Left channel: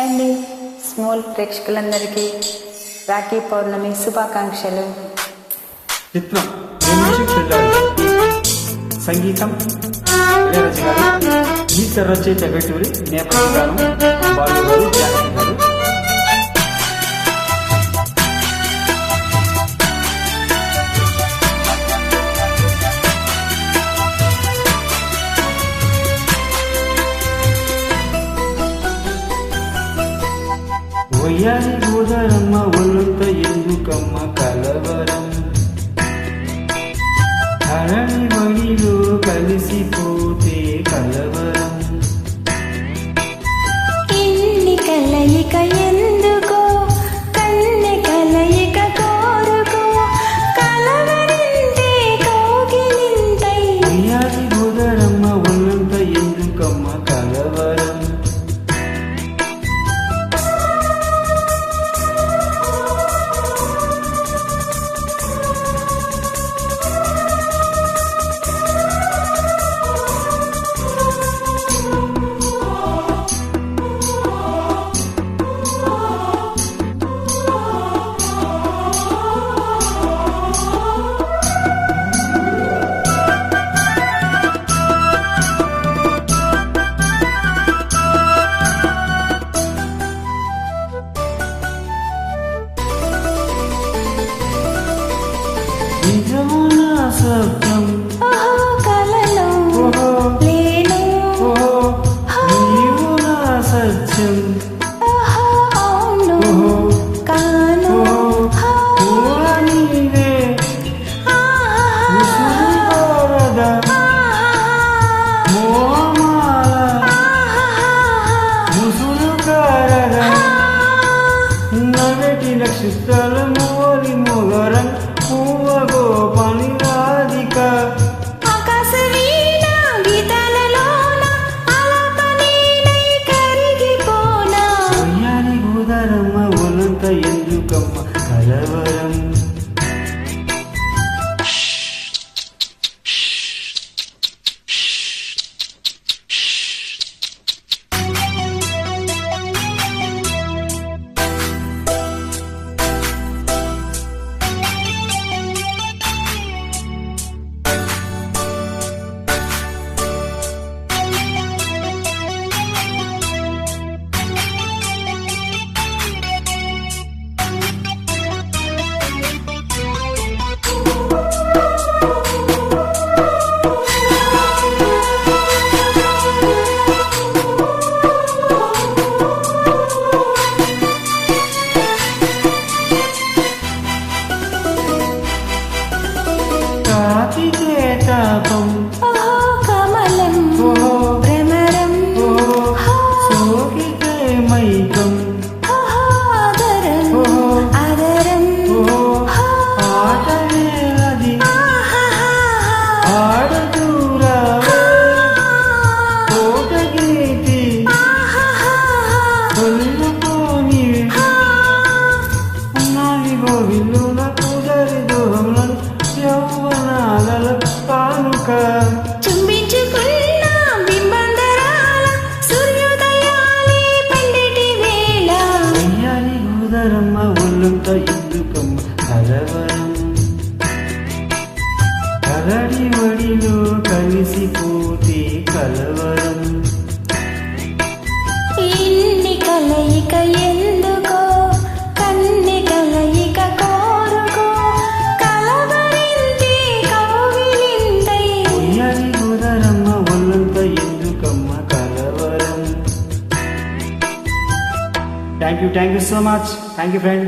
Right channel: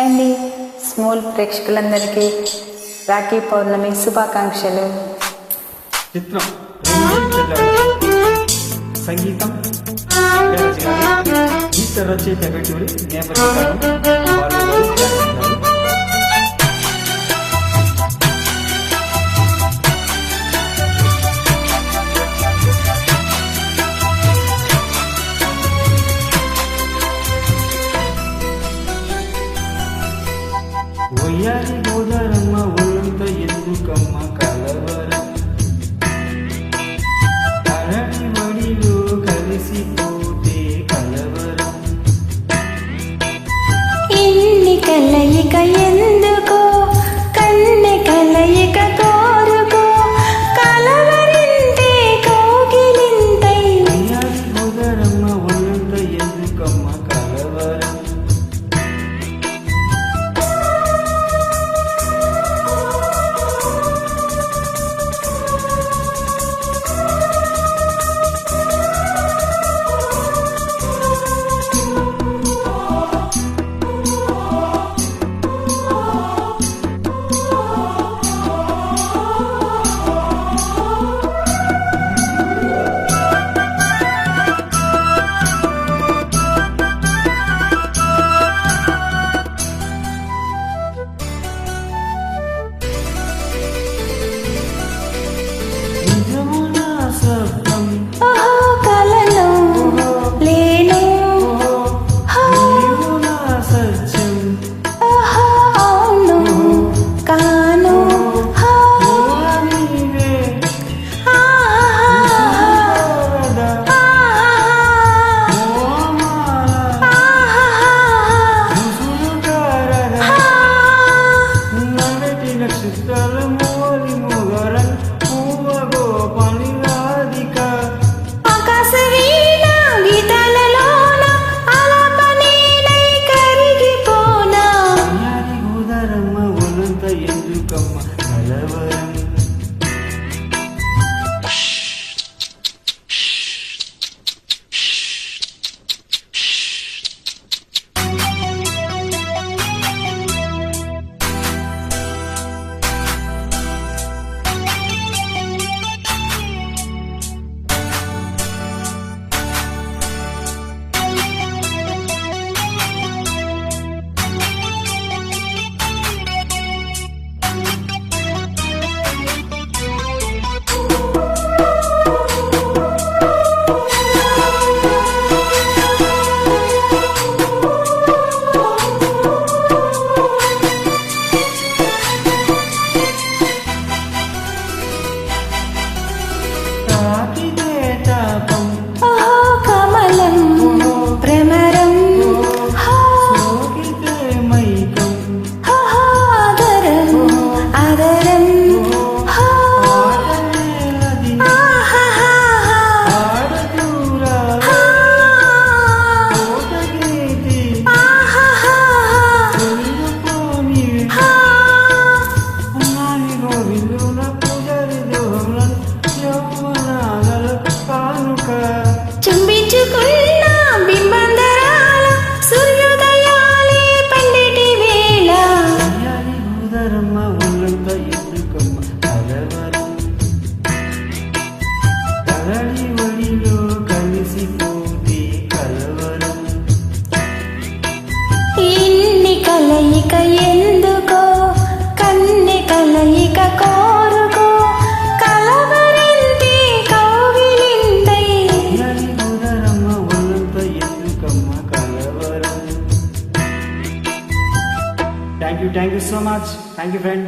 అండి స్మాల్ ప్రేక్షకులందరికీ రాఖీ పౌర్ణమి శుభాకాంక్షలు. చిత్రం సంగీతం ఇళయరాజా గారు, గీత రచయిత వెటూరి, నేపథ్య గానం బాలు గారు, జానకి గారు. వయ్యారి గోదారమ్మ ఒళ్ళంత ఎందుకమ్మ కలవరం, అరణి వడిలో కలిసిపోతే కలవరం. ఇన్ని కలయిక ఎందుకో, కన్నె కలయిక కోరుకో, కలవరింతే కోగిలింతై. వయ్యారి గోదారమ్మ ఒళ్ళంత ఎందుకమ్మ కలవరం. నిజమున సత్యం ఓహో కలను లేను, నీవు నా సత్యం, ఓహో అవును కాను. నీవే మోమాల ముసులు కారద నగటి నక్షత్రాల మోలి మోగరం పూవ గోపాని రాధిక. ఆకాశ వీణ గీతాలలోన ఆలాపనీనై కరిగిపోనా. వయ్యారి గోదారమ్మ ఒళ్ళంత ఎందుకమ్మ కలవరం. తాకితే తాపం ఓహో కమలం భ్రమరం, సోకితే మైకం ఓహో ఆదరం ఆదరం. ఆటవేలది ఆడదూరా కోటగీతి కొల్లుకోని నాలుగో విల్లుల పూజారి దోహంలను యౌవనాల కానుక. చుంబించుకున్న బింబందరాల సూర్యోదయాలే పండిటి వేళ. వయ్యారి గోదారమ్మ ఒళ్ళంత ఎందుకమ్మ కలవరం, కలడి వడిలో కలిసిపోతే కలవరం. ఇన్ని కలయిక ఎందుకో, కన్నె కలయిక కోరుకో, కలవరింతే కౌగిలింతై. వయ్యారి గోదారమ్మ ఒళ్ళంత ఎందుకమ్మ కలవరం. Thank you so much. Thank you friend.